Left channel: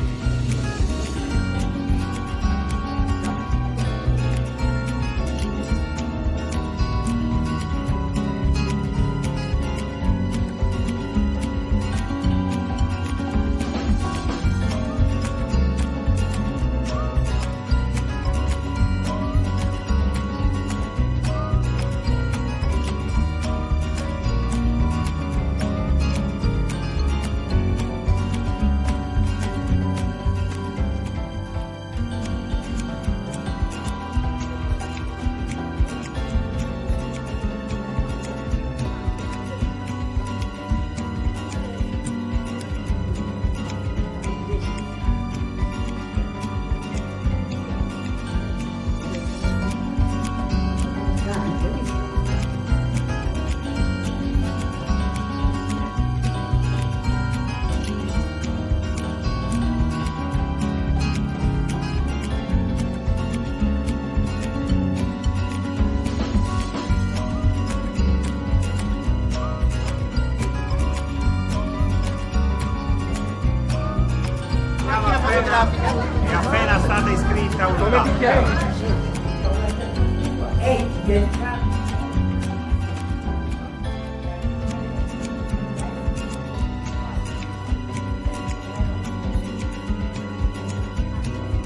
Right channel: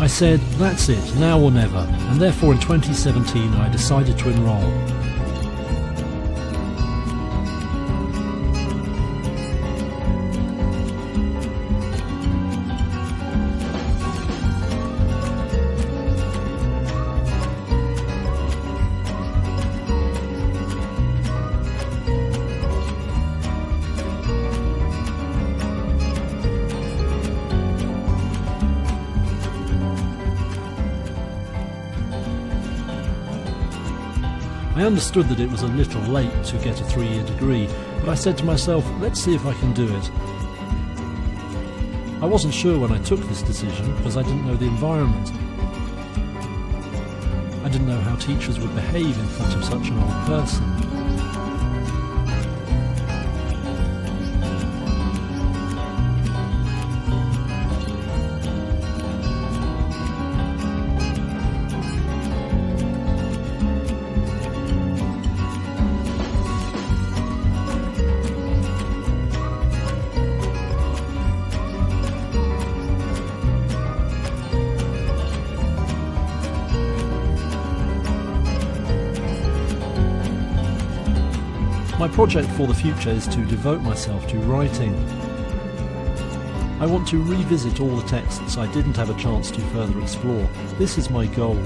I said, that's it, now or never, and therefore in 2017 I decided to enrol. I understood that it was a little late to get a 3-year degree, but I said to myself, let's see if I can do it. I wasn't sure when I took this decision because I didn't know the environment. I didn't know how teachers would behave in front of such an old person. My project for the future is to devote myself to writing. I want to revisit all the texts I didn't have a chance to further explore. This is my goal.